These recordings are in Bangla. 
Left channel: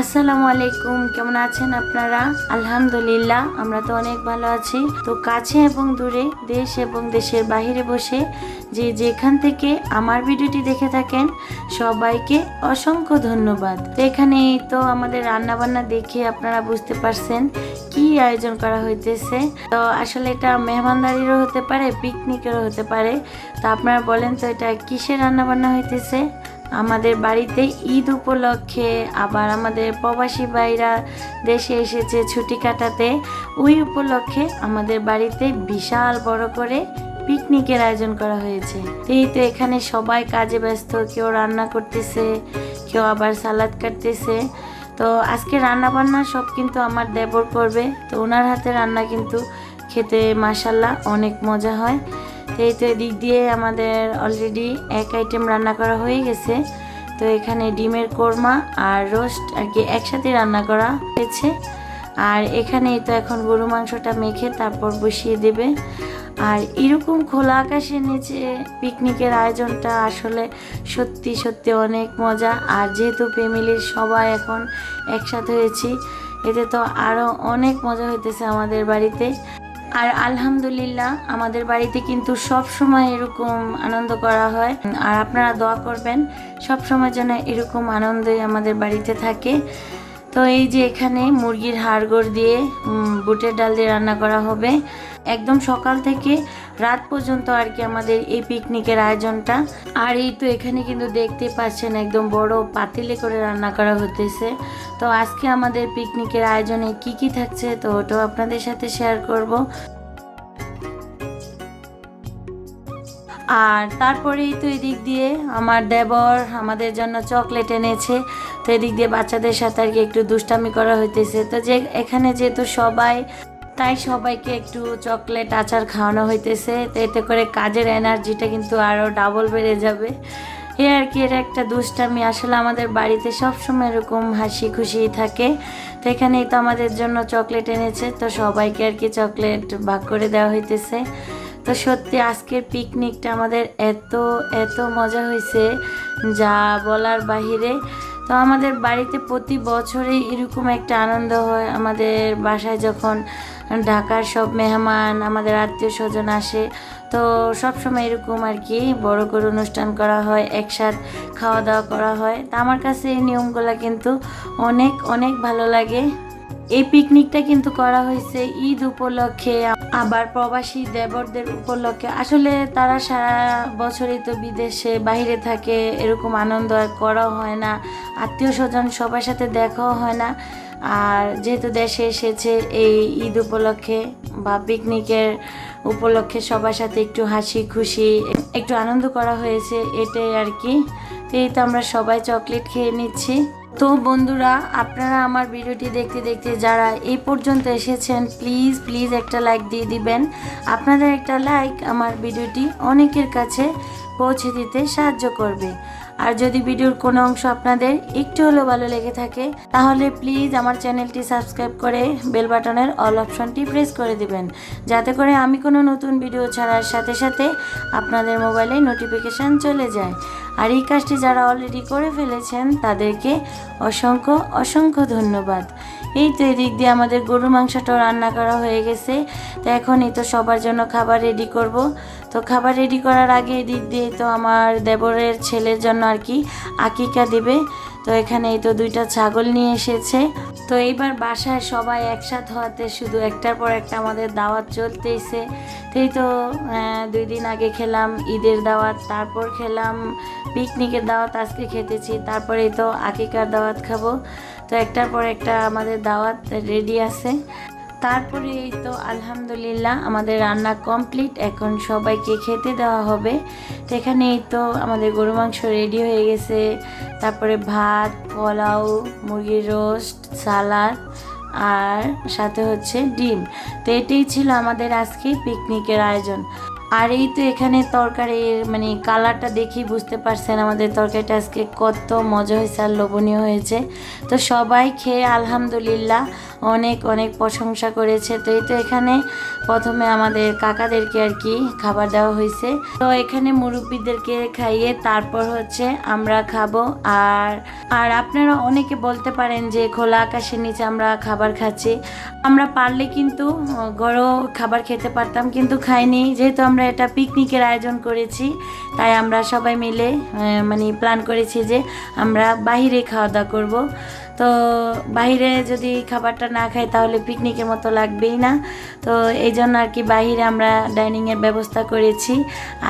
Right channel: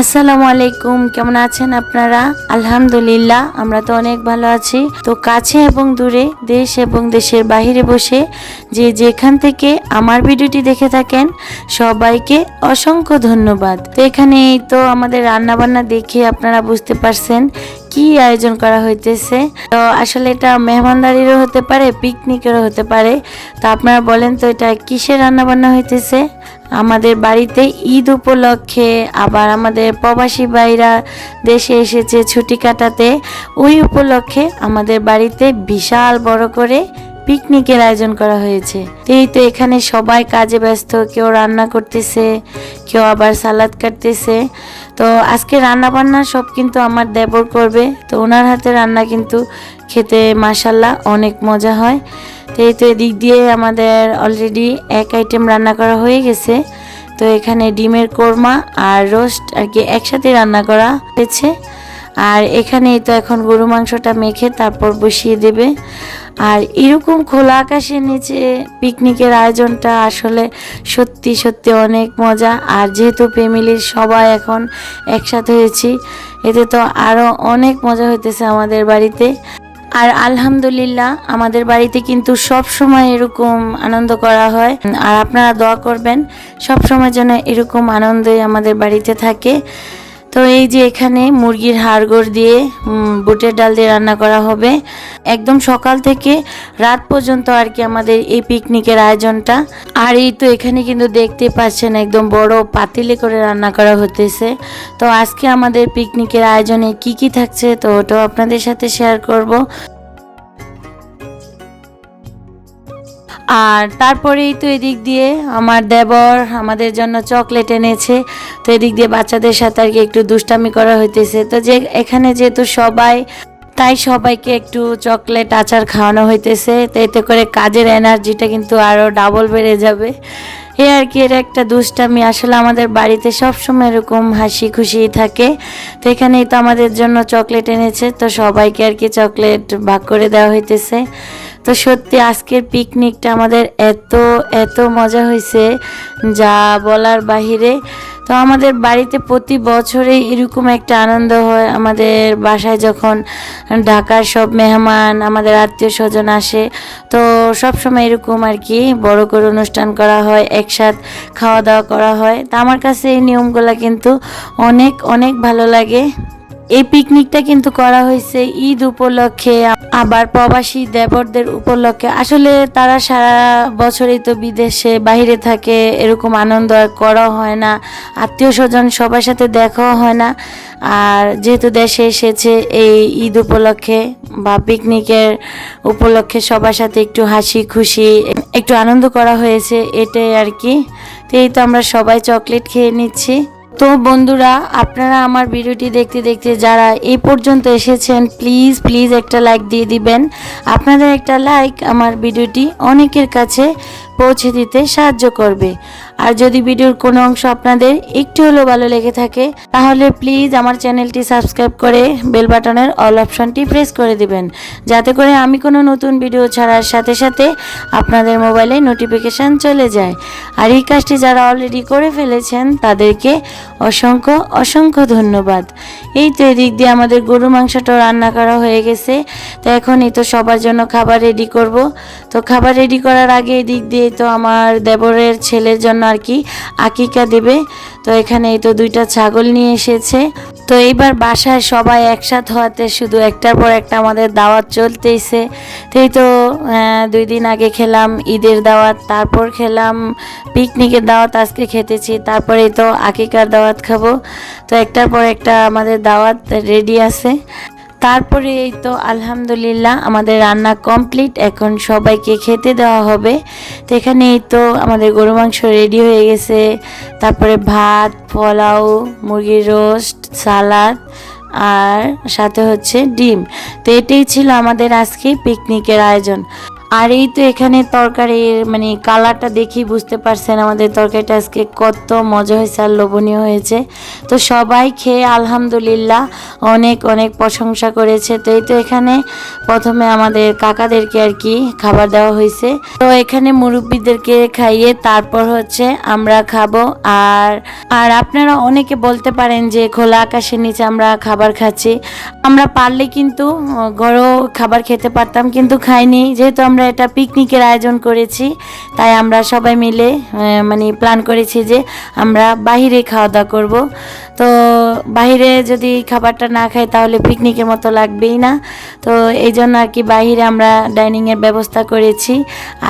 আসসালামু আলাইকুম, কেমন আছেন আপনারা? আলহামদুলিল্লাহ, আমরা তো অনেক ভালো আছি। তো কাছে এবং দূরে, দেশ এবং দেশের বাহিরে বসে যে যেখান থেকে আমার ভিডিওটি দেখে থাকেন সবাইকে অসংখ্য ধন্যবাদ। তো এখানে তো আমাদের রান্না বান্না দেখে আপনারা বুঝতে পারছেন কি আয়োজন করা হইতেছে। তো আসলে এটা মেহমানদারিরও হতে পারে, পিকনিকেরও হতে পারে। তো আপনারা বলেন তো এটা কিসের রান্না বান্না হইতেছে? আমাদের বাড়িতে ঈদ উপলক্ষে, আবার আমাদের প্রবাসী ভাইরা দেশে এসেছে ছুটি কাটাতে, ওই উপলক্ষে আমাদের বাড়িতে বিশাল বড় করে পিকনিকের আয়োজন করা হয়েছে। এই তো এখানে সবাই কাজে ব্যস্ত, কেউ রান্না করতেছে, কেউ আবার সালাদ কাটতেছে। তো আজকে রান্না বান্না সব কিন্তু আমার দেবর করবে। তো ওনার হাতে রান্না কিন্তু খেতে মাশাল্লাহ অনেক মজা হয়। তো এই তো এদিক দিয়ে আমাদের অলরেডি এক আইটেম রান্না করা হয়ে গেছে। তো এখানে ডিমের কোরমা আর রোস্ট আর কি একসাথে রান্না করা হয়েছে। আর এখানে তো এখন গরু মাংসটা মেখে তারপর বসিয়ে দেবে। আর এরকম খোলা আকাশের নিচে পিকনিকের আয়োজনটা আসলে সত্যি সত্যি অনেক মজা। আর যেহেতু ফ্যামিলির সবাই এখন একসাথে হয়েছি, এতে তো আরও অনেক মজা হইতেছে আমাদের বাড়িতে। আর আলহামদুলিল্লাহ আমাদের বাড়িতে কিন্তু সব সময় এরকম আনন্দ করা হয়। আর আপনারা দোয়া করবেন সব সময় যেন এরকম আনন্দই আমাদের বাড়িতে থাকে। তো এই যে এখানে মুরগির হাড়গোড় দিয়ে বুটের ডাল দিয়ে রান্না করা হবে একদম সকাল থেকে রাত পর্যন্ত আর কি আমাদের এই পিকনিকের আয়োজনটা। আর এই তো এখানে কিন্তু দেখতে পাচ্ছেন একদম বড় পাতিলে করে রান্না করা হতেছে। তো আজকে আমাদের পিকনিকের আয়োজনে কি কি থাকছে তো ওটাও আপনাদের সাথে শেয়ার করব। আর তারপরেই তো এদিক দিয়ে আমার দেবর আমাদের জন্য চকলেট এনেছে। তো এদিক দিয়ে বাচ্চাদের সাথে আর কি একটু দুষ্টামি করা হইতেছে। তো যে এখানে যেহেতু সবাই, তাই সবাইকে একটু চকলেট আচার খাওয়ানো হইতেছে। তো এতে করে কাজের এনার্জিটা কিন্তু আরও ডাবল বেড়ে যাবে। এ আর কি, এর একটা দুষ্টামি। আসলে আমাদের বাড়িতে সবসময় এরকম হাসি খুশি থাকে। তো এখানেই তো আমাদের জন্য চকলেট এনেছে, তো সবাইকে আর কি চকলেট ভাগ করে দেওয়া হইতেছে। তো সত্যি আজকের পিকনিকটা আমাদের এত এত মজা হয়েছে যা বলার বাহিরে। তো আমাদের বাড়িতে প্রতি বছরে এরকম একটা আনন্দ হয়। আমাদের বাসায় যখন ঢাকার সব মেহমান, আমাদের আত্মীয় স্বজন আসে, তো সব সময় এরকম আর কি বড় করে অনুষ্ঠান করা হয়, একসাথ খাওয়া দাওয়া করা হয়। তা আমার কাছে এই নিয়মগুলো কিন্তু অনেক অনেক ভালো লাগে। এই পিকনিকটা কিন্তু করা হয়েছে ঈদ উপলক্ষে, আবার প্রবাসী দেবরদের উপলক্ষে। আসলে তারা সারা বছরই তো বিদেশে বাইরে থাকে, এরকম আনন্দ আর করা হয় না, আত্মীয় স্বজন সবার সাথে দেখাও হয় না। আর যেহেতু দেশে এসেছে এই ঈদ উপলক্ষে বা পিকনিকের উপলক্ষে সবার সাথে একটু হাসি খুশি একটু আনন্দ করা হয়েছে, এটাই আর কি। তো এই তো আমরা সবাই চকলেট খেয়ে নিচ্ছি। তো বন্ধুরা, আপনারা আমার ভিডিওটি দেখতে দেখতে যারা এই পর্যন্ত এসেছেন প্লিজ প্লিজ একটা লাইক দিয়ে দিবেন। আপনাদের একটা লাইক আমার ভিডিওটি অনেকের কাছে পৌঁছে দিতে সাহায্য করবে। আর যদি ভিডিওর কোনো অংশ আপনাদের একটু হলেও ভালো লেগে থাকে তাহলে প্লিজ আমার চ্যানেলটি সাবস্ক্রাইব করে বেল বাটনের অল অপশনটি প্রেস করে দিবেন, যাতে করে আমি কোনো নতুন ভিডিও ছাড়ার সাথে সাথে আপনাদের মোবাইলে নোটিফিকেশান চলে যায়। আর এই কাজটি যারা অলরেডি করে ফেলেছেন তাদেরকে অসংখ্য অসংখ্য ধন্যবাদ। এই তো এদিক দিয়ে আমাদের গরু মাংসটা রান্না করা হয়ে গেছে। তো এখনই তো সবার জন্য খাবার রেডি করব। তো খাবার রেডি করার আগে এদিক দিয়ে তো আমার দেবরের ছেলের জন্য আর কি আকিকা দেবে। তো এখানে এই তো 2টা ছাগল নিয়ে এসেছে। তো এইবার বাসায় সবাই একসাথে হওয়াতে শুধু একটার পর একটা আমাদের দাওয়াত চলতেইছে। তো এই তো 2 দিন আগে খেলাম ঈদের দাওয়াত, তারপর খেলাম পিকনিকের দাওয়াত, আজকে খেতেছি, তারপরে তো আকিকার দাওয়াত খাবো। তো একটার পর একটা আমাদের দাওয়াত রেডি আছে। তারপরে এই তো আলহামদুলিল্লাহ আমাদের রান্না কমপ্লিট, এখন সবাইকে খেতে দেওয়া হবে। তো এখানে এই তো আমাদের গরু মাংস রেডি হয়ে গেছে, তারপরে ভাত, পোলাও, মুরগির রোস্ট, সালাদ আর সাথে হচ্ছে ডিম। তো এটাই ছিল আমাদের আজকে পিকনিকের আয়োজন। আর এই তো এখানে তরকারির মানে কালারটা দেখি বুঝতে পারছেন আমাদের তরকারিটা আজকে কত মজা হয়েছে আর লোভনীয় হয়েছে। তো সবাই খেয়ে আলহামদুলিল্লাহ অনেক অনেক প্রশংসা করেছে। তো এই তো এখানে প্রথমে আমাদের কাকাদেরকে আর কি খাবার দেওয়া হয়েছে। তো এখানে মুরব্বীদেরকে খাইয়ে তারপর হচ্ছে আমরা খাবো। আর আর আপনারা অনেকে বলতে পারেন যে খোলা আকাশের নিচে আমরা খাবার খাচ্ছি। আমরা পারলে কিন্তু ঘরেও খাবার খেতে পারতাম, কিন্তু খাইনি। যেহেতু আমরা এটা পিকনিকের আয়োজন করেছি, তাই আমরা সবাই মিলে মানে প্ল্যান করেছি যে আমরা বাহিরে খাওয়া দাওয়া করবো। তো বাহিরে যদি খাবারটা না খাই তাহলে পিকনিকের মতো লাগবেই না। তো এই জন্য আর কি বাহিরে আমরা ডাইনিংয়ের ব্যবস্থা করেছি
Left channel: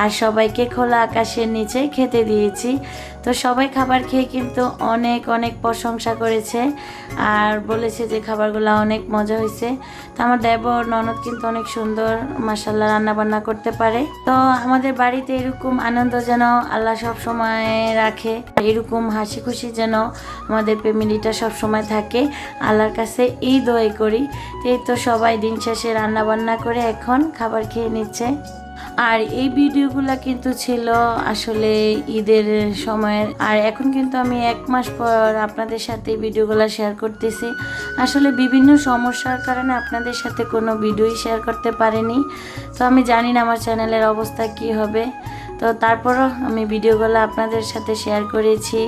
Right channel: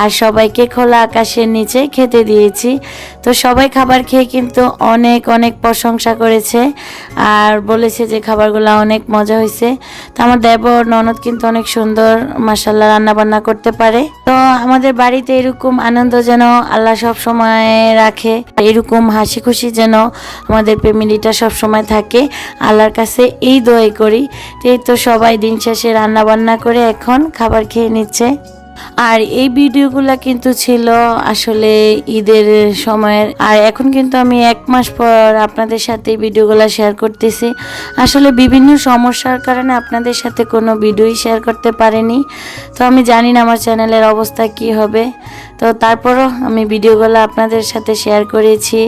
আর সবাইকে খোলা আকাশের নিচে খেতে দিয়েছি। তো সবাই খাবার খেয়ে কিন্তু অনেক অনেক প্রশংসা করেছে আর বলেছে যে খাবারগুলো অনেক মজা হয়েছে। তো আমার দেবর ননদ কিন্তু অনেক সুন্দর মাশাআল্লাহ রান্না বান্না করতে পারে। তো আমাদের বাড়িতে এরকম আনন্দ যেন আল্লাহ সব সময় রাখে, এরকম হাসি খুশি যেন আমাদের ফ্যামিলিটা সব সময় থাকে, আল্লাহর কাছে এই দোয়াই করি। এই তো সবাই দিন শেষে রান্না বান্না করে এখন খাবার খেয়ে নিচ্ছে। আর এই ভিডিওগুলো কিন্তু ছিল আসলে ঈদের সময়ের। আর এখন কিন্তু আমি 1 মাস পর আপনাদের সাথে এই ভিডিওগুলো শেয়ার করতেছি। আসলে বিভিন্ন সমস্যার কারণে আপনাদের সাথে কোনো ভিডিওই শেয়ার করতে পারিনি। তো আমি জানি না আমার চ্যানেলের অবস্থা কি হবে। তো তারপরও আমি ভিডিওগুলো আপনাদের সাথে শেয়ার করেছি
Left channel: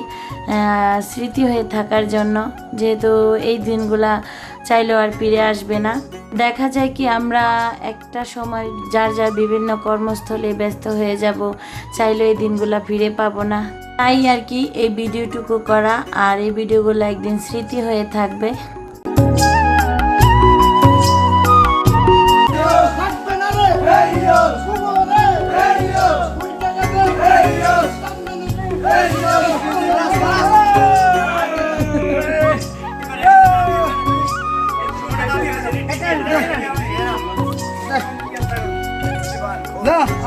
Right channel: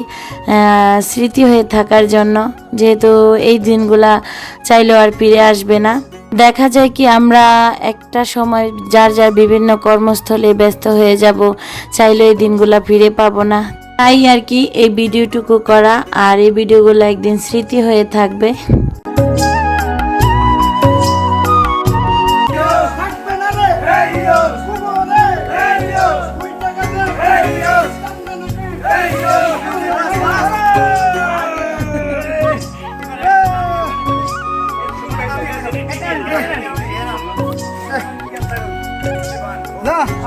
স্মৃতি হয়ে থাকার জন্য, যেহেতু এই দিনগুলা চাইলেও আর ফিরে আসবে না। দেখা যায় কি আমরা একটা সময় যার যার বিভিন্ন কর্মস্থলে ব্যস্ত হয়ে যাব, চাইলে এই দিনগুলা ফিরে পাবো না। তাই আর কি এই ভিডিওটুকু করা, আর এই ভিডিওগুলো একদিন স্মৃতি হয়ে থাকবে।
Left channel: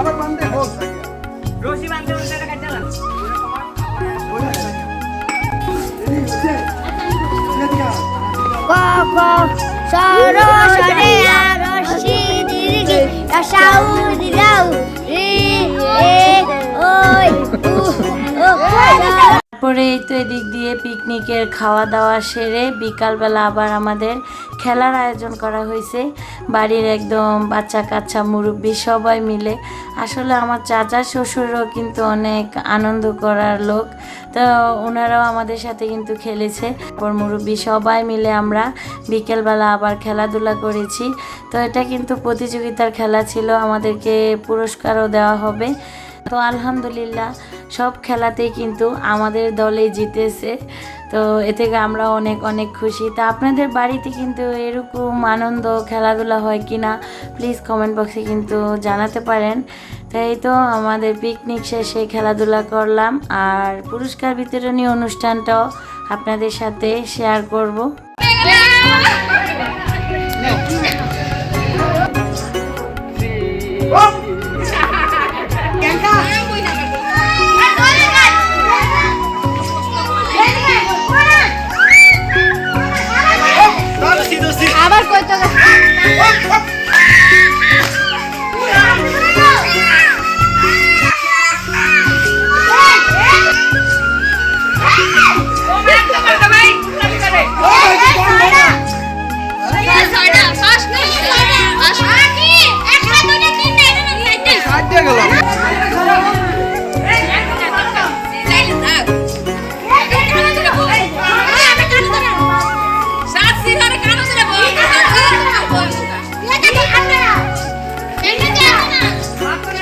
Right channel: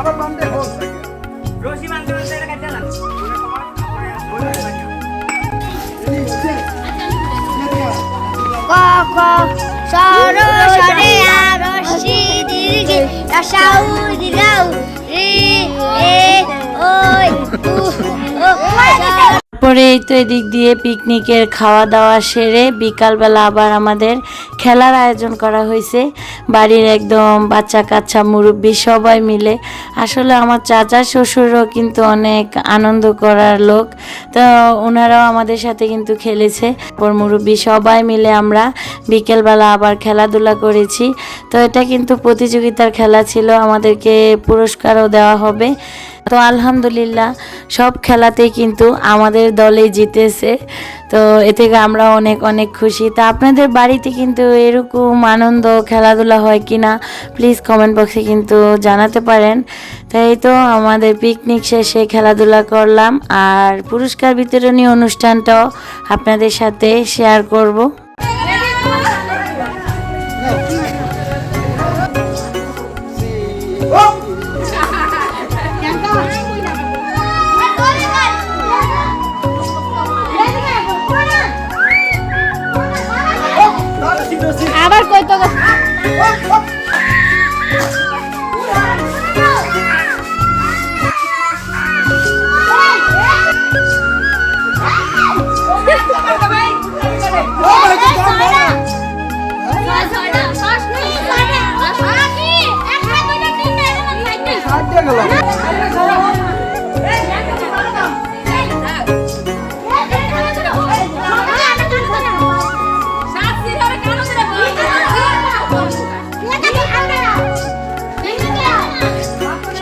আবার বান্ধে হোক রশি বান্ধে হচ্ছে এটা কাটতে না ক সর সরে রশি দীর্ঘে রাসাউ দিনাউ রে এ ওই পরে এই তো এদিক দিয়ে পিকনিকের খাওয়া দাওয়া সেরে বিকালবেলা আবার আমাদের খেলার আয়োজন করা হয়েছে। বাড়ির একদম বাচ্চা কাচ্চা মুরব্বী সবাই মিলে। আসলে আমার চাচা শ্বশুরও কিন্তু অনেক আনন্দ করার লোক, তো ওনারাও আমাদের সাথে কিন্তু খেলেছে। মুরব্বী সবাই মিলে আমরা বিকেলবেলা আবার খেলাধুলা করেছি। তো এটা কিন্তু প্রতিযোগিতার খেলা ছিল, আমাদেরকে পুরস্কারও দেওয়া হবে। তো আলহামদুলিল্লাহ সব খেলাতেই কিন্তু আমাদের দলে জিতেছে। তো এ থেকে আমরা অনেক অনেক খুশি। তা আপনাদের বাড়িতে কিন্তু এরকম আনন্দ খেলাধুলা হয় কি না প্লিজ কমেন্ট বক্সে কিন্তু জানাতে পারেন। তাই তো আমাদের পিকনিক শেষে খেলাধুলা করলাম আর পুরস্কার বিতরণী অনুষ্ঠানটাও আপনাদের সাথে শেয়ার করব। আবার কই তো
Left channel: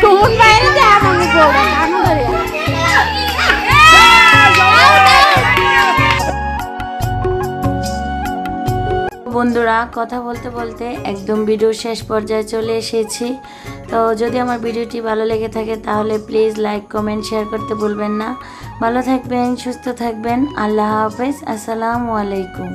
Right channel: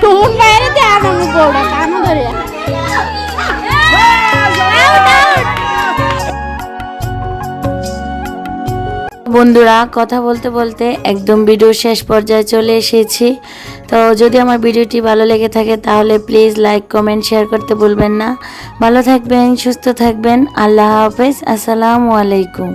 কোন বাইরে তে আমি বলবো কাম ধরে বন্ধুরা কথা বলতে বলতে একদম ভিডিও শেষ পর্যায়ে চলে এসেছি। তো যদি আমার ভিডিওটি ভালো লেগে থাকে তাহলে প্লিজ লাইক কমেন্ট শেয়ার করতে ভুলবেন না। ভালো থাকবেন, সুস্থ থাকবেন। আল্লাহ হাফেজ, আসসালামু আলাইকুম।